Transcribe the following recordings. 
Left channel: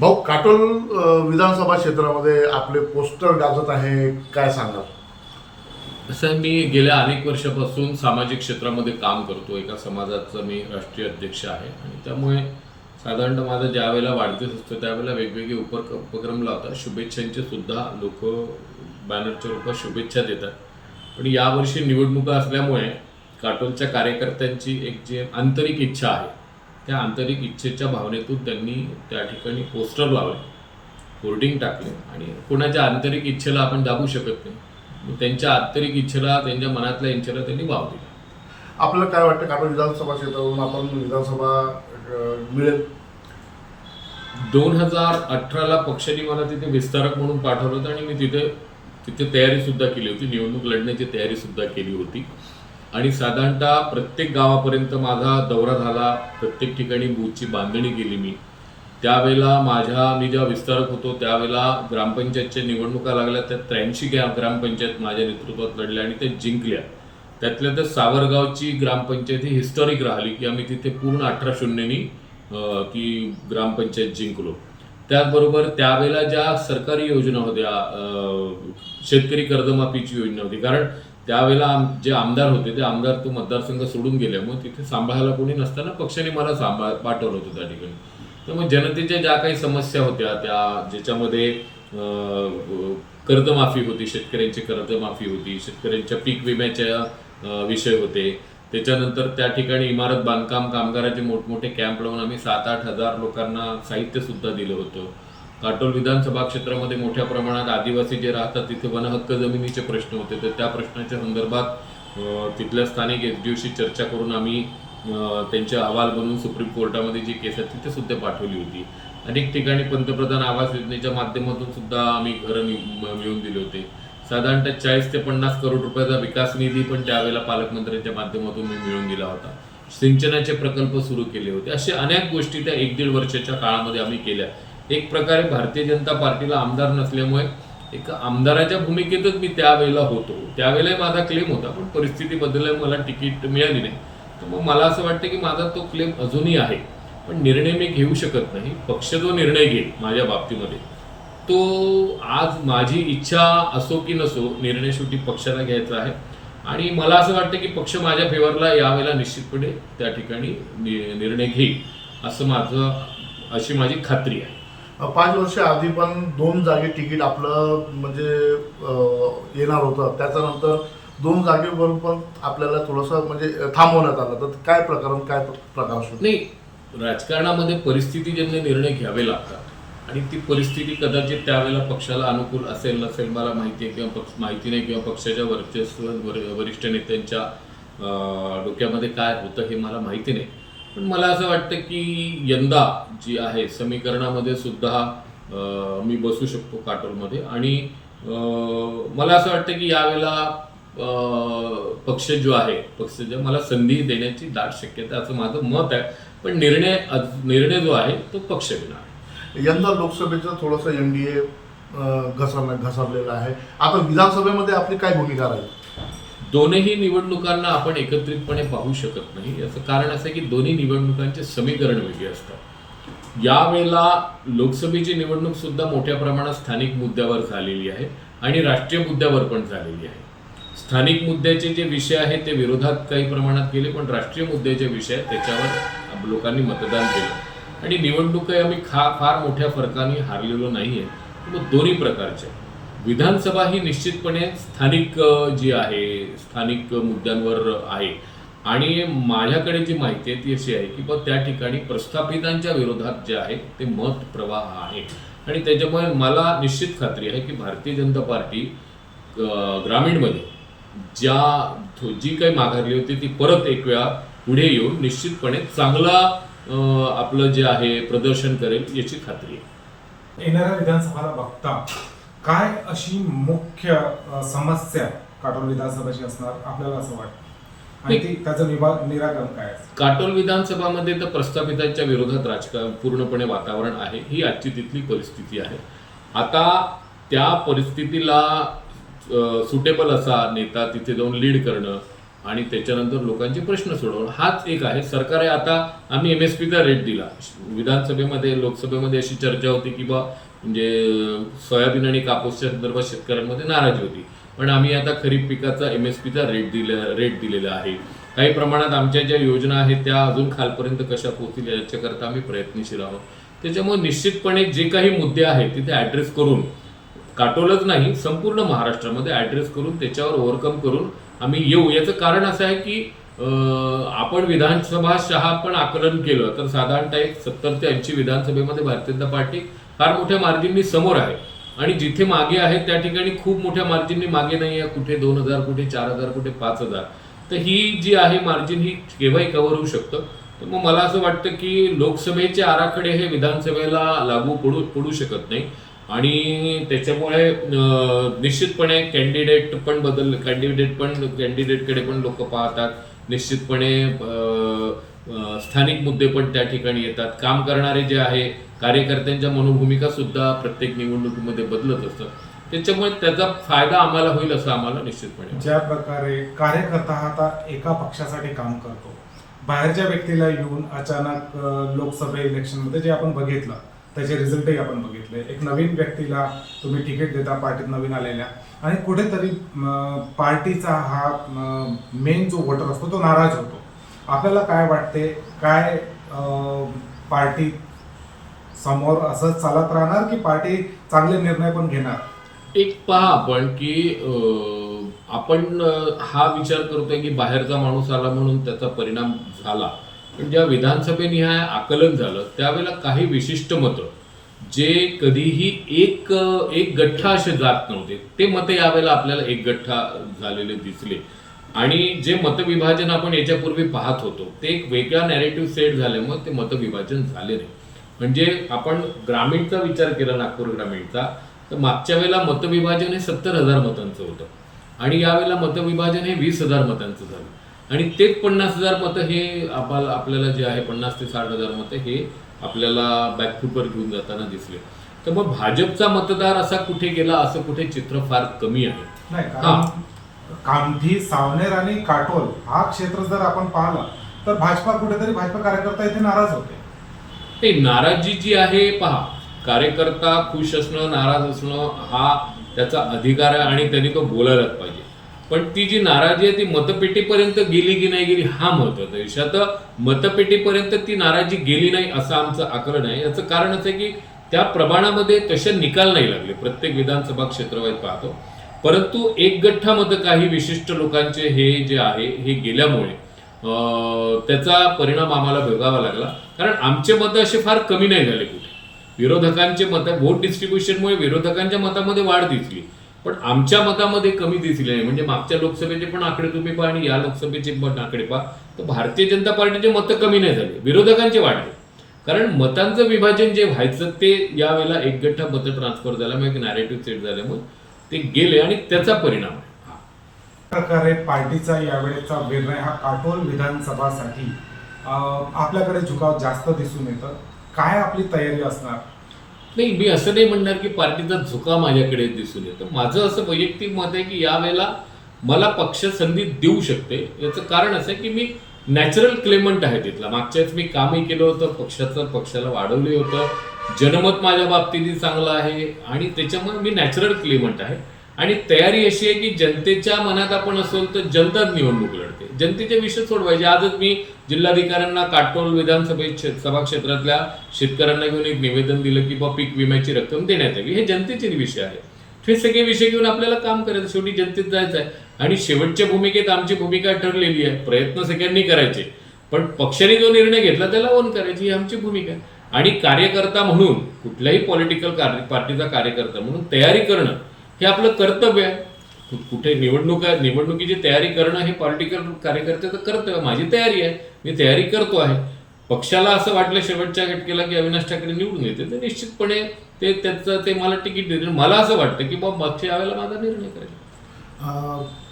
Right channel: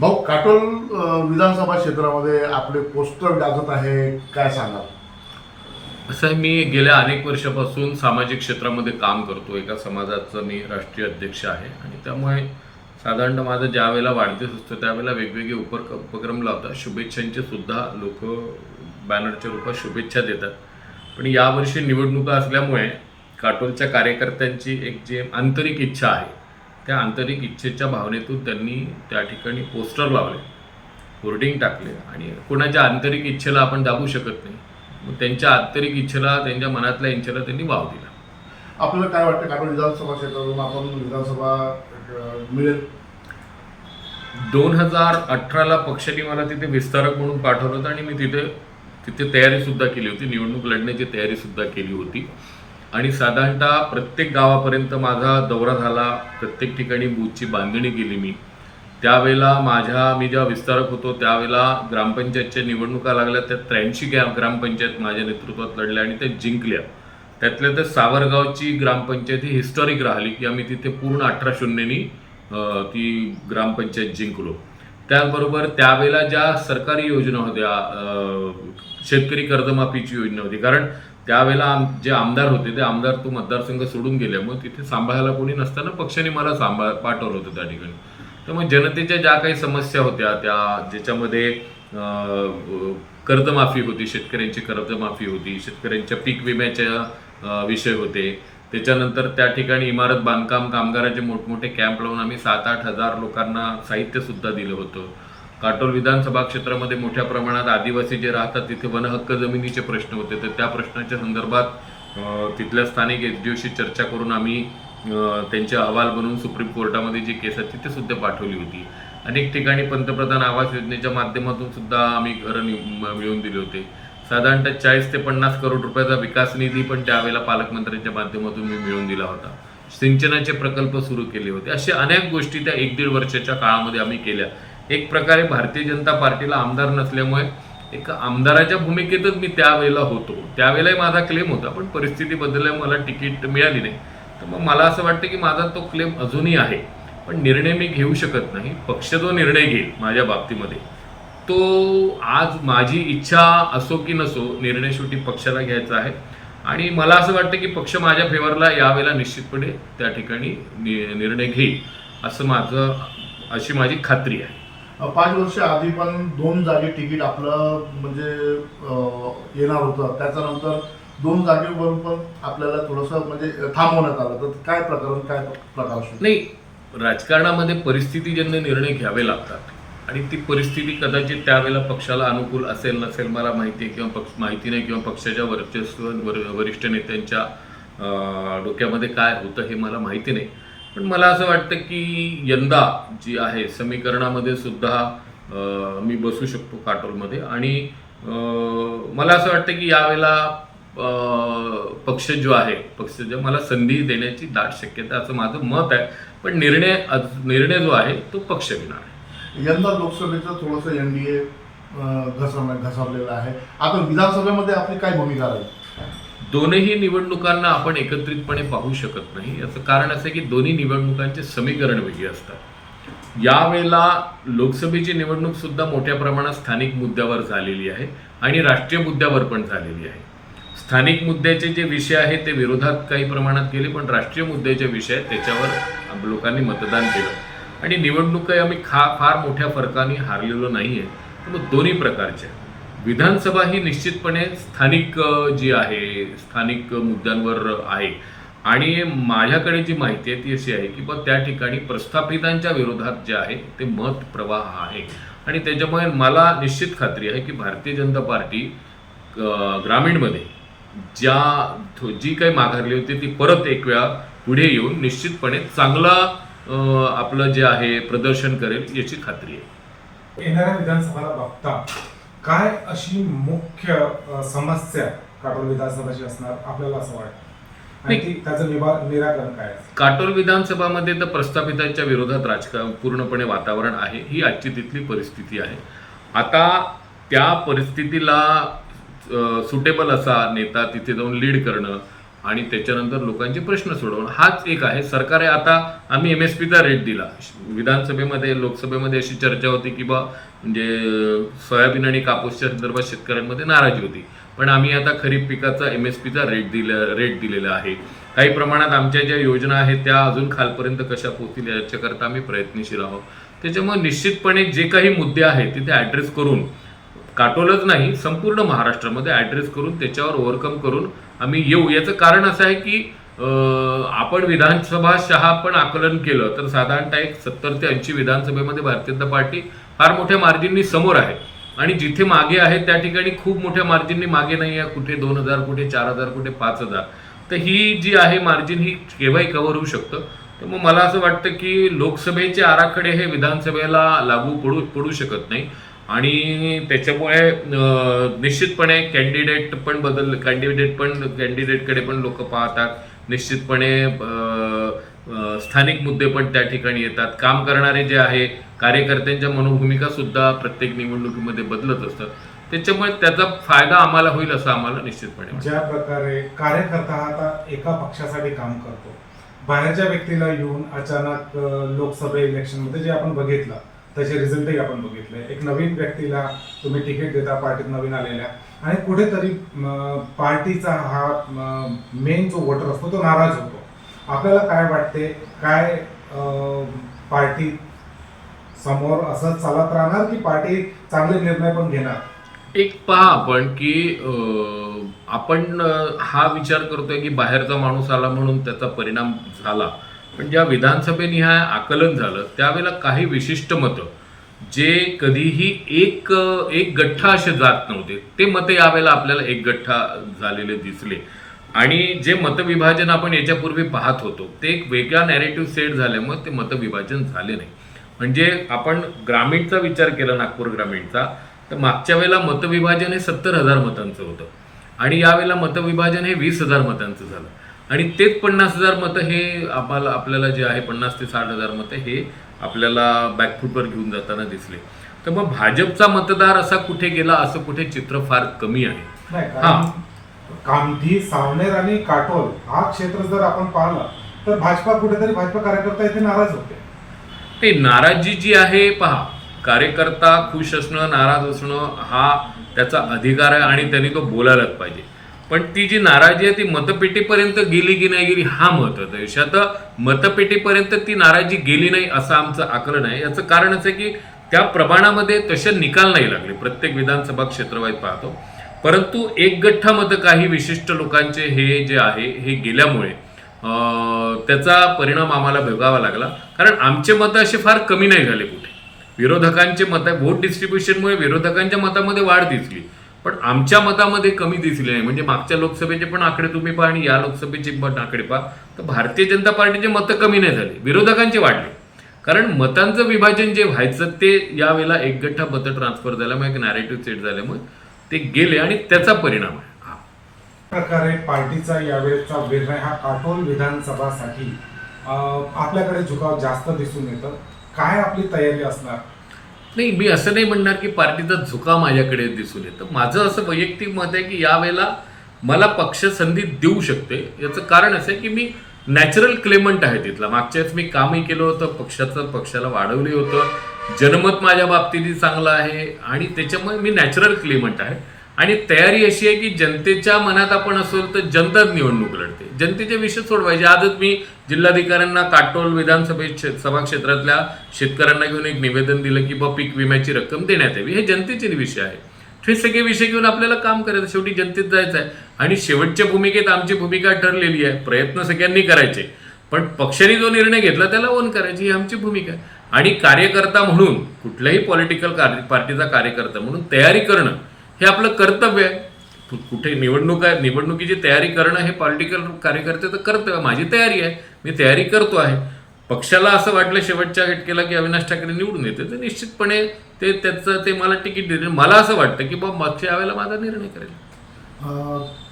भाऊ काटोल विधानसभा क्षेत्रामध्ये आपले पोस्टर गाजत आहे काय सांगाल? असं मी गेल्या अनेक वर्षापासून सामाजिक क्षेत्रामध्ये काम करतो. एका समाजाचा मी राष्ट्रीय अध्यक्ष आहे आणि त्यामुळे साधारणतः माझं ज्या वेळेला वाढदिवस असतो त्यावेळेला वेगवेगळे उपर उपक्रम लावतात. शुभेच्छांचे सुद्धा लोक बॅनरच्या रूपात शुभेच्छा देतात. पण यावर्षी निवडणुका असल्यामुळे काटोलच्या कार्यकर्त्यांची एक जी आंतरिक इच्छा आहे त्या आंतरिक इच्छेच्या भावनेतून त्यांनी त्या ठिकाणी पोस्टर लावले होर्डिंग टाकले आणि कोणाच्या आंतरिक इच्छेला आपण दाबू शकत नाही. मग त्यांच्या आंतरिक इच्छेला त्यांच्या मनातल्या इच्छेला त्यांनी वाव दिला. आपल्याला काय वाटतं? काटोल विधानसभा क्षेत्रातून आपण विधानसभा मिळेल. दोन हजार अठराला पक्षाने मला तिथे विस्तारक म्हणून पाठवलं होतं आणि मी तिथे तिथे तयारी सुद्धा केली होती. निवडणूक लढण्याची तयारी सुद्धा केली होती. आणि साधारणतः प्रत्येक गावापर्यंत माझा दौरा झाला. प्रत्येक ठिकाणी बूथची बांधणी केली मी. त्यावेळेला माझ्या मी जेव्हा विस्तारक होतो त्यावेळेला ग्रामपंचायतच्या निवडणुका लागल्या. त्या त्र्याऐंशी ग्रामपंचायत माझ्या नेतृत्वात लढल्या आणि त्या जिंकल्या. त्यातल्या तर सावरगावची ग्रामपंचायत ही हिस्टॉरिक राहिली की आम्ही तिथे पूर्ण अठरा शून्यनी ती ग्रामपंचायत जिंकलो. त्याचबरोबर त्यावेळेला ज्या सरकारी योजना होत्या शेतकरी कर्जमाफीची योजना होती. कारण त्यावेळेला आम जे आमदार होते ते आमदार तो मतदारसंघ सोडून गेल्यामुळे तिथे सांभाळायला कोणी नसताना पक्षाने मला सांभाळ पाठवलं होतं त्या ठिकाणी. त्यामुळे जनतेच्या ज्या काही समस्या होत्या त्या ज्याच्यामध्ये कर्जमाफी होती शेतकऱ्यांची कर्जमाफी होती शेतकऱ्यांच्या पीक विम्याच्या विषय होते. त्याच्यानंतर त्या ठिकाणी इमारत बांधकाम कामगाराचे मोठमोठे कॅम्प लावून आम्ही सात आठ हजार लोकांना साहित्यसुद्धा दिलं होतं. काटोल विधानसभा क्षेत्रामध्ये मोठ्या प्रमाणात आदिवासी जे राहतात तिथे वनहक्क जमिनीचे प्रश्न होते. तर त्या प्रश्नाच्या संदर्भात तिथल्या स्थानिक एस चर्चा करून आम्ही त्यांचे अहवाल बनवून सुप्रीम कोर्टामध्ये जी केस आहे तिथे सुद्धा पाठवली होती. अनेक ठिकाणी पंतप्रधान आवास योजनेच्या माध्यमातून सुद्धा आम्ही घरं मिळवून दिले होते. साधारणतः चाळीस ते पन्नास करोड रुपयाचा विकास निधी पण त्यावेळेला पालकमंत्र्यांच्या माध्यमातून मी मिळवून दिला होता. सिंचनाचे प्रकल्प सुरू केले होते. अशा अनेक गोष्टी त्या एक दीड वर्षाच्या काळामध्ये आम्ही केल्या. एक प्रकारे भारतीय जनता पार्टीला आमदार नसल्यामुळे एक आमदाराच्या भूमिकेतच मी त्यावेळेला होतो. त्यावेळेलाही माझा क्लेम होता पण परिस्थिती बदलल्यामुळे मला तिकीट मिळाली नाही. तर मग मला असं वाटतं की माझा तो क्लेम अजूनही आहे पण निर्णय मी घेऊ शकत नाही. पक्ष जो निर्णय घेईल माझ्या बाबतीमध्ये तो आज माझी इच्छा असो की नसो निर्णय शेवटी पक्षाला घ्यायचा आहे. आणि मला असं वाटतं की पक्ष माझ्या फेवरला यावेळेला निश्चितपणे त्या ठिकाणी नि- निर्णय घेईल असं माझं अशी माझी खात्री आहे. पाच वर्ष आधी पण दोन जागे तिकीट आपलं म्हणजे येणार होतं. त्याच्यानंतर दोन जागेवर पण आपल्याला थोडंसं म्हणजे थांबवण्यात आलं. तर काय प्रकरण काय प्रकार असतो नाही राजकारणामध्ये परिस्थितीजन्य निर्णय घ्यावे लागतात आणि ती परिस्थिती कदाचित त्यावेळेला पक्षाला अनुकूल असेल नसेल मला माहिती आहे किंवा पक्ष माहिती नाही किंवा पक्षाच्या वर्चस्व वर- वरिष्ठ नेत्यांच्या डोक्यामध्ये काय होतं हे मला माहिती नाही. पण मला असं वाटतं की यंदा जी आहे समीकरणामध्ये सुद्धा मी बसू शकतो काटोलमध्ये. आणि मला असं वाटतं की यावेळेला पक्ष जो आहे पक्ष जो मला संधी देण्याची दाट शक्यता असं माझं मत आहे. पण निर्णय निर्णय जो आहे तो पक्ष घेणार आहे. यंदा लोकसभेचं थोडंसं एन डी ए घसर घसरलेलं आहे. आता विधानसभेमध्ये आपली काय भूमिका राहील? दोनही निवडणुकांना आपण एकत्रितपणे पाहू शकत नाही. याचं कारण असं आहे की दोन्ही निवडणुकांचे समीकरण वेगळी असतात. यावेळेला लोकसभेची निवडणूक सुद्धा मोठ्या प्रमाणात स्थानिक मुद्द्यावर झालेली आहे आणि राष्ट्रीय मुद्द्यावर पण झालेली आहे. स्थानिक मुद्द्याचे जे विषय आहेत ते विरोधात काही प्रमाणात केले पण राष्ट्रीय मुद्द्याचे विषय आहेत त्याच्यावर लोकांनी मतदान केलं. आणि निवडणुका आम्ही खा फार मोठ्या फरकाने हारलेलो नाही आहे मग दोन्ही प्रकारच्या. विधानसभा ही निश्चितपणे स्थानिक जी आहे स्थानिक मुद्द्यांवर आहे. आणि माझ्याकडे जी माहिती आहे ती अशी आहे की बघ त्या ठिकाणी प्रस्थापितांच्या विरोधात जे आहे ते मत प्रवाह आहे. आणि त्याच्यामुळे मला निश्चित खात्री आहे की भारतीय जनता पार्टी ग्रामीणमध्ये ज्या जी काही माघारली होती ती परत एक वेळा पुढे येऊन निश्चितपणे चांगला आपलं जे आहे प्रदर्शन करेल याची खात्री आहे. येणाऱ्या विधानसभाला बघता काय अशी मुख्य अ, समस्या काटोल विधानसभेची असणार आपल्याला असं वाटतं आणि ती त्याचं निवा निराकरण काय असेल? काटोल विधानसभामध्ये तर प्रस्थापितांच्या विरोधात राजकारण पूर्णपणे वातावरण आहे ही आजची तिथली परिस्थिती आहे आता त्या परिस्थितीला सुटेबल असा नेता तिथे जाऊन लीड करणं आणि त्याच्यानंतर लोकांचे प्रश्न सोडवणं. हाच एक आहे. सरकार आता आम्ही एम एस पीचा रेट दिला. विधानसभेमध्ये लोकसभेमध्ये अशी चर्चा होती की बा म्हणजे सोयाबीन आणि कापूसच्या संदर्भात शेतकऱ्यांमध्ये नाराजी होती. पण आम्ही आता खरीप पिकाचा एम एस पीचा रेट दिला रेट दिलेला आहे. काही प्रमाणात आमच्या ज्या योजना आहेत त्या अजून खालपर्यंत कशा पोहोचतील याच्याकरता आम्ही प्रयत्नशील आहोत. त्याच्यामुळे निश्चितपणे जे काही मुद्दे आहेत तिथे ॲड्रेस करून काटोलच नाही संपूर्ण महाराष्ट्रामध्ये ॲड्रेस करून त्याच्यावर ओव्हरकम करून आम्ही येऊ. याचं कारण असं आहे की आपण विधानसभा शहा पण आकलन केलं तर साधारणतः एक सत्तर ते ऐंशी विधानसभेमध्ये भारतीय जनता पार्टी फार मोठ्या मार्जिननी समोर आहे. आणि जिथे मागे आहे त्या ठिकाणी खूप मोठ्या मार्जिननी मागे नाही आहे. कुठे दोन हजार कुठे चार हजार कुठे पाच हजार. तर ही जी आहे मार्जिन ही केव्हाही कव्हर होऊ शकतं. तर मग मला असं वाटतं की लोकसभेचे आराखडे हे विधानसभेला लागू पडू पडू शकत नाही. आणि त्याच्यामुळे निश्चितपणे कॅन्डिडेट पण बदल कॅन्डिडेट पण कॅन्डिडेटकडे पण लोक पाहतात. निश्चितपणे स्थानिक मुद्दे पण त्या ठिकाणी येतात. काम करणारे जे आहे कार्यकर्त्यांच्या मनोभूमिका सुद्धा प्रत्येक निवडणुकीमध्ये बदलत असतात. त्याच्यामुळे त्याचा फायदा आम्हाला होईल असं आम्हाला निश्चितपणे ज्या प्रकारे कार्यकर्ता हा आता एका पक्षासाठी काम करतो. बाहेरच्या व्यक्तीला येऊन अचानक लोकसभा इलेक्शनमध्ये जे आपण बघितलं त्याचे रिझल्टही आपण बघितले. एक नवीन व्यक्तीला तुम्ही तिकीट देता पार्टीत नवीन आलेल्या. आणि कुठेतरी पार्टीचा हा मेन जो वोटर असतो तो नाराज होतो. आपल्याला काय वाटते? काय पार्टी समोर असं चालत राहणार की पार्टी चांगले निर्णय पण घेणार? एक पहा आपण की आपण हा विचार करतोय की बाहेरचा माणूस आला म्हणून त्याचा परिणाम झाला. पण ज्या विधानसभेनिहाय आकलन झालं त्यावेळेला काही विशिष्ट मतं जे कधीही एक एक गठ्ठा असे जात नव्हते ते मतं यावेळेला आपल्याला एक गठ्ठा झालेले दिसले. आणि जे मतविभाजन आपण याच्यापूर्वी पाहत होतो ते एक वेगळा नॅरेटिव्ह सेट झाल्यामुळे ते मतविभाजन झाले नाही. म्हणजे आपण ग्रामीणचा विचार केला नागपूर ग्रामीणचा तर मागच्या वेळेला मतविभाजन हे सत्तर हजार मतांचं होतं. आणि यावेळेला मतविभाजन हे वीस हजार मतांचं झालं. आणि तेच पन्नास हजार मतं हे आम्हाला आपल्याला जे आहे पन्नास ते साठ हजार मतं हे आपल्याला बॅकफूटवर घेऊन जाताना दिसले. तर मग भाजपचा मतदार असा कुठे गेला असं कुठे चित्र फार कमी आहे? हा. कामठी सावनेर आणि काटोल हा क्षेत्र जर आपण पाहिलं तर भाजपा कुठेतरी भाजपा कार्यकर्ता इथे नाराज होते. ते नाराजी जी आहे पहा कार्यकर्ता खुश असणं नाराज असणं हा त्याचा अधिकार आहे आणि त्यांनी तो बोलायलाच पाहिजे. पण ती जी नाराजी आहे ती मतपेटीपर्यंत गेली की नाही गेली हा महत्त्वाचा विषय आता मतपेटीपर्यंत ती नाराजी गेली नाही असं आमचं आकलन आहे. याचं कारण असं आहे की त्या प्रमाणामध्ये तसे निकाल नाही लागले. प्रत्येक विधानसभा क्षेत्रवाईत पाहतो. परंतु एक गठ्ठा मतं काही विशिष्ट लोकांचे हे जे आहे हे गेल्यामुळे त्याचा परिणाम आम्हाला भोगावा लागला. कारण आमचे मतं असे फार कमी नाही झाले कुठे. विरोधकांचे मत वोट डिस्ट्रीब्युशनमुळे विरोधकांच्या मतामध्ये वाढ दिसली. पण आमच्या मतामध्ये कमी दिसले नाही. म्हणजे मागच्या लोकसभेचे पण आकडे तुम्ही पहा आणि या लोकसभेचे पण आकडे पहा. तर भारतीय जनता पार्टीचे मतं कमी नाही झाले. विरोधकांचे वाढले. कारण मतांचं विभाजन जे व्हायचं ते यावेळेला एक गठ्ठा मतं ट्रान्सफर झाल्यामुळे एक नॅरेटिव्ह सेट झाल्यामुळे ते गेले आणि त्याचा परिणाम आहे. हा. प्रकारे पार्टीचा यावेळेचा निर्णय हा काटोल विधानसभासाठी आपल्याकडे झुकाव जास्त दिसून येतं. काय आपली तयारी असणार? नाही मी असं नाही म्हणणार की पार्टीचा झुका माझ्याकडे दिसून येतं. माझं असं वैयक्तिक मत आहे की यावेळेला मला पक्ष संधी देऊ शकते. याचं कारण असं आहे की मी नॅचरल क्लेमंट आहे तिथला. मागच्या वेळेस मी कामही केलं होतं पक्षाचं पक्षाला वाढवले होतं. जनमत माझ्या बाबतीतही चांगलं आहे आणि त्याच्यामुळे मी नॅचरल क्लेमंट आहे. आणि तयारी अशी आहे की जनतेच्या मनात आपण असेल तर जनताच निवडणूक लढते. जनतेचे विषय सोडवायचे. आजच मी जिल्हाधिकाऱ्यांना काटोल विधानसभे सभा क्षेत्रातल्या शेतकऱ्यांना घेऊन एक निवेदन दिलं की बा पीक विम्याची रक्कम देण्यात यावी. हे जनतेचे विषय आहे. हे सगळे विषय घेऊन आपल्याला काम करायचं शेवटी जनतेत जायचं आहे. आणि शेवटच्या भूमिकेत आमची भूमिका ठरलेली आहे. प्रयत्न सगळ्यांनी करायचे. पण पक्षाने जो निर्णय घेतला त्याला ओन करायची ही आमची भूमिका आहे. आणि कार्यकर्ता म्हणून कुठल्याही पॉलिटिकल पार्टीचा कार्यकर्ता म्हणून तयारी करणं हे आपलं कर्तव्य आहे. कुठे निवडणूक आहे निवडणुकीची तयारी करणं हे पॉलिटिकल कार्यकर्त्याचं कर्तव्य करतं माझी तयारी आहे मी तयारी करतो आहे. पक्षाला असं वाटलं शेवटच्या घटकेला की अविनाश ठाकरे निवडून येते तर निश्चितपणे ते त्याचं ते मला तिकीट देते मला असं वाटतं की बाबा मागच्या यावेळेला माझा निर्णय करेल.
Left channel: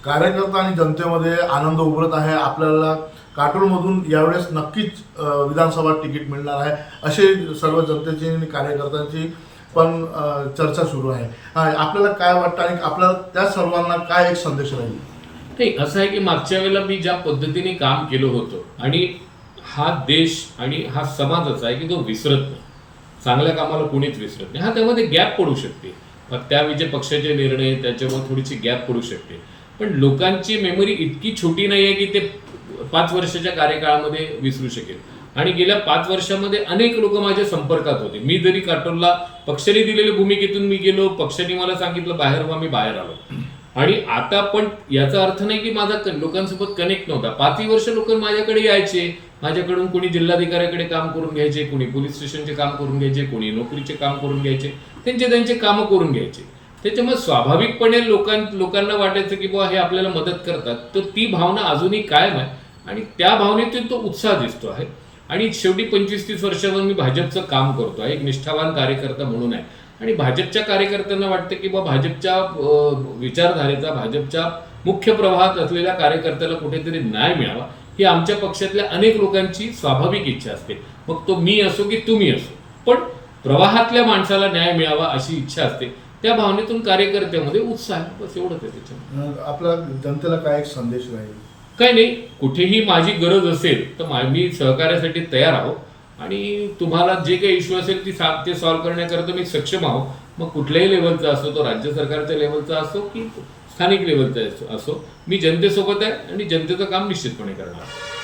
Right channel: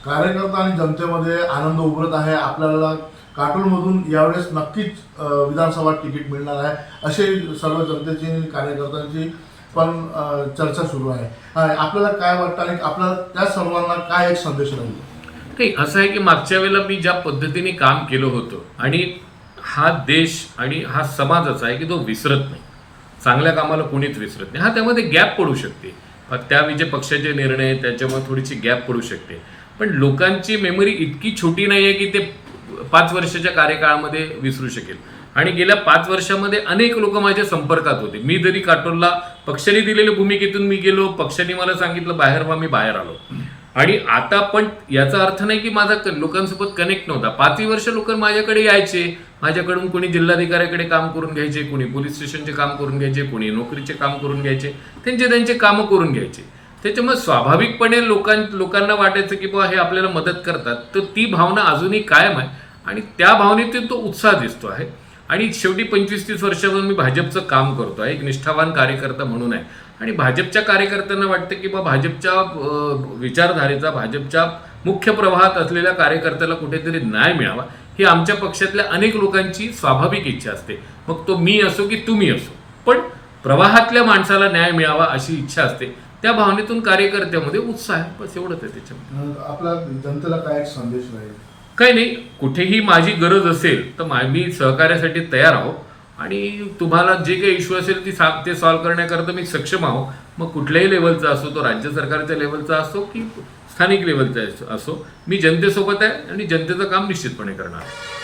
कार्यकर्ता आणि जनतेमध्ये आनंद उभरत आहे. आपल्याला काटोलमधून यावेळेस नक्कीच विधानसभा तिकीट मिळणार आहे. असे सर्व जनतेची आणि कार्यकर्त्यांची पण चर्चा सुरू आहे. आपल्याला काय वाटतं आणि आपल्याला त्या सर्वांना काय एक संदेश राहील? नाही असं आहे की मागच्या वेळेला मी ज्या पद्धतीने काम केलं होतं आणि हा देश आणि हा समाज असा आहे की तो विसरत नाही. चांगल्या कामाला कोणीच विसरत नाही. हा त्यामध्ये गॅप पडू शकते. पण त्या विजय पक्षाचे निर्णय त्याच्यामुळे थोडीशी गॅप पडू शकते. पण लोकांची मेमरी इतकी छोटी नाही आहे की ते पाच वर्षाच्या कार्यकाळामध्ये विसरू शकेल. आणि गेल्या पाच वर्षामध्ये अनेक लोक माझ्या संपर्कात होते. मी जरी काटोलला पक्षाने दिलेल्या भूमिकेतून मी गेलो पक्षाने मला सांगितलं बाहेर व्हा मी बाहेर आलो. आणि आता पण याचा अर्थ नाही की माझा लोकांसोबत कनेक्ट नव्हता. पाचही वर्ष लोक माझ्याकडे यायचे. माझ्याकडून कोणी जिल्हाधिकाऱ्याकडे काम करून घ्यायचे कोणी पोलीस स्टेशनचे काम करून घ्यायचे कोणी नोकरीचे काम करून घ्यायचे त्यांचे त्यांचे कामं करून घ्यायचे. त्याच्यामुळे स्वाभाविकपणे लोकां लोकांना वाटायचं की बुवा हे आपल्याला मदत करतात. तर ती भावना अजूनही कायम आहे आणि त्या भावनेतून तो उत्साह दिसतो आहे. आणि शेवटी पंचवीस तीस वर्षापासून मी भाजपचं काम करतो. आहे एक निष्ठावान कार्यकर्ता म्हणून आहे. आणि भाजपच्या कार्यकर्त्यांना वाटतं की बा भाजपच्या विचारधारेचा भाजपच्या मुख्य प्रवाहात असलेल्या कार्यकर्त्याला कुठेतरी न्याय मिळावा ही आमच्या पक्षातल्या अनेक लोकांची स्वाभाविक इच्छा असते. मग तो मी असो की तुम्ही असो. पण प्रवाहातल्या माणसाला न्याय मिळावा अशी इच्छा असते. त्या भावनेतून कार्यकर्त्यामध्ये उत्साह आहे. बस एवढंच आहे त्याच्यामध्ये. आपला जनतेला काय एक संदेश राहील? काही नाही कुठेही माझी गरज असेल तर मा- मी सहकार्यासाठी तयार आहो. आणि तुम्हाला जे काही इश्यू असेल ती सा ते सॉल्व्ह करण्याकरता मी सक्षम आहो. मग कुठल्याही लेवलचा असो तो राज्य सरकारच्या लेवलचा असो की स्थानिक लेवलचा असो मी जनतेसोबत आहे आणि जनतेचं काम निश्चितपणे करणार आहे.